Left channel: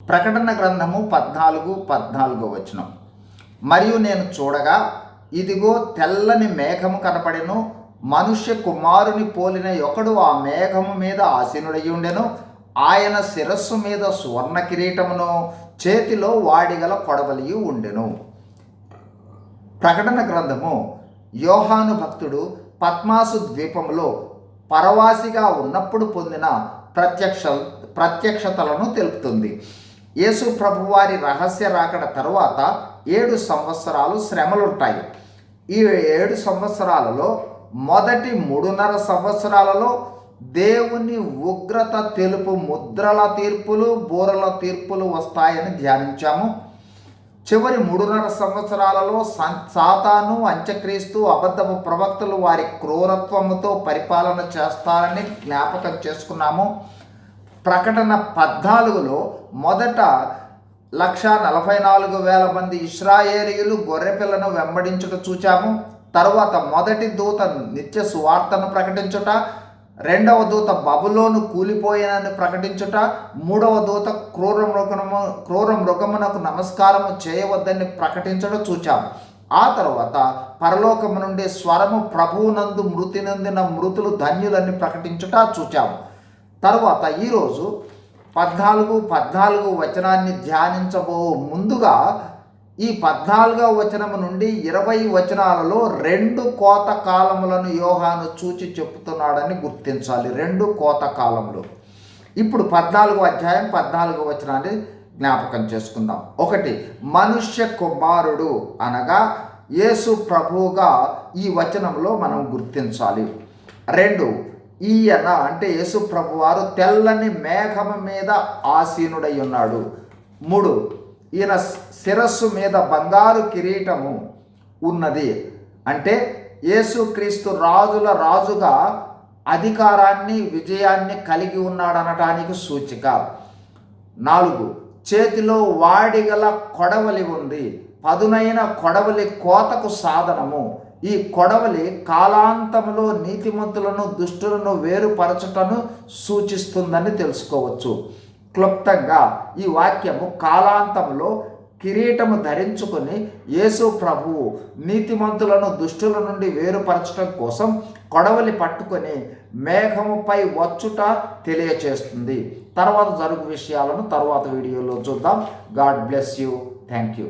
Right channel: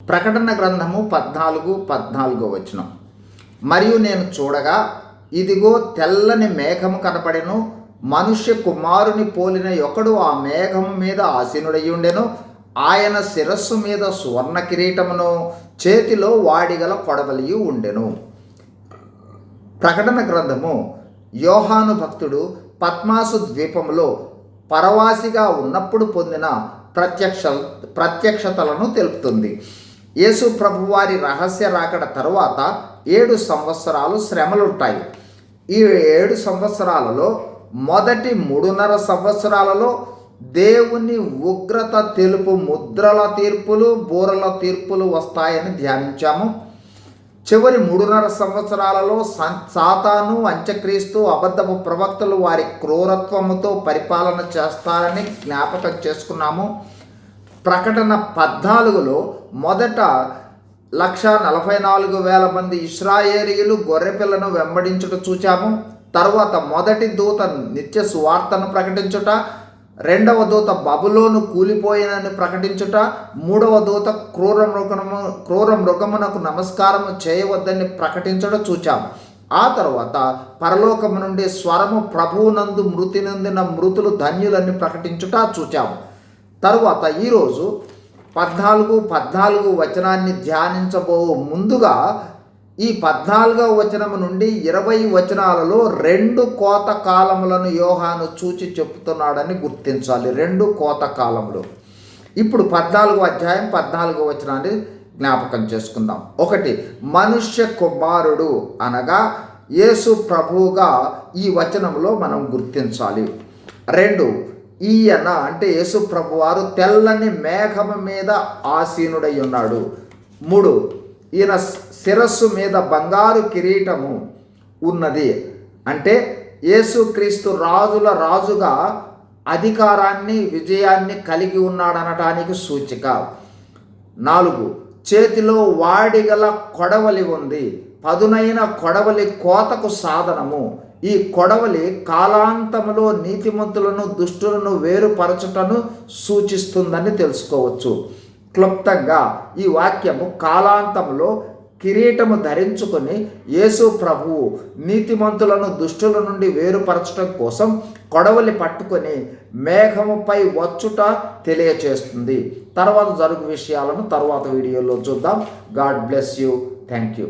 ప్రకటన గ్రంథము 14:14 మరియు నేను చూడగా ఇదిగో తెల్లని మేఘము కనపడెను, మనుష్య కుమారుని పోలిన ఒకడు ఆ మేఘము మీద ఆసీనుడై ఉండెను. ఆయన శిరస్సు మీద సువర్ణ కిరీటమును, చేతిలో వాడిగల కొడవలియు ఉండెను. ప్రకటన గ్రంథము యోహాను భక్తుడు పద్మాసు ద్వీపంలో పరవాసిగా ఉన్నప్పుడు పొందిన ప్రత్యక్షతలను తెలుపుతుంది. యేసు ప్రభువారి రహస్య రాకడ తరువాత 7 సంవత్సరాలు శ్రమలుంటాయి. ఈ 7 సంవత్సరాలలో మొదటి 3.5 సంవత్సరాలలో దేవుని ఉగ్రత తెలుపు ముద్రల తీర్పులు, బూరల తీర్పులు వస్తాయని ధ్యానించాము. చివరి 3.5 సంవత్సరాలలో సాతాను, అంత్యక్రీస్తు, అబద్ధపు ప్రవక్తలు వారి క్రూరత్వముతో పరిపాలన చేస్తారని జ్ఞాపకం చేసుకున్నాము. ప్రకటన 14లో మొదట 1,44,000 మంది ఇశ్రాయేలీయులు గొర్రెపిల్లను వెంబడించుట చూచాము. తరువాత మొదటి దూత నిత్య సువార్తను ప్రకటించుట, రెండవ దూత బబులోను కూలిపోయినని ప్రకటించుట, మూడవ దూత క్రూర మృగమునకు నమస్కారము చేయవద్దని ప్రకటించుట చూచాము. ఆ తరువాత పరలోకము నుండి స్వరము, ప్రభువునందు మృతి నొందిన మృతులు ధన్యులని ప్రకటించుట చూచాము. తరువాత ఈరోజు 14 ధ్యానించబో ముందుగా ఈ 14వ వచనము నుండి 20 వచనాలలో 2 కోత కాలములను యోహాను చూచి చెప్తున్నాడని గుర్తించాలి. 2 కోత కాలములు. ఇప్పుడు 14వ అధ్యాయం 14వ వచనాన్ని జ్ఞాపకం చేసుకుందాం. 1 మనుష్య కుమారుడు అనగా యేసు ప్రభువుగా ఈ వచనంలో మనం గుర్తించాలి. 2 ఈయన అంటే యేసు ప్రభువారు తెల్లని మేఘము మీద ఆసీనుడై ఉన్నాడు. 3 ఈయన శిరస్సు మీద బంగారు కిరీటము ఉన్నది. అంటే యేసుక్రీస్తు రాజుల రాజుగా అధికారాన్ని, విజయాన్ని కలిగి ఉన్నాడనటానికి సూచిక. 4 చేతిలో వాడిగల కొడవలి ఉంది. పదునైన కొడవలి కోతకు సాధనము. ఈ కొడవలి కాలాంతములో నీతిమంతులను, దుష్టులను వేరుపరచుటను సూచిస్తుందని తెలుసుకోవచ్చు. క్లుప్తంగా ఈ వాక్యము కాలాంతంలో కిరీటము ధరించుకొని యేసు ప్రభువు నీతిమంతులను దుష్టుల నుండి వేరుపరచడం కోసం కొడవలి పట్టుకొని మేఘముపై వచ్చుట తెలియచేస్తుంది. తర్వాత జరుగు విషయాలను తర్వాత వీడియోలో చూద్దాం. God bless you. Thank you.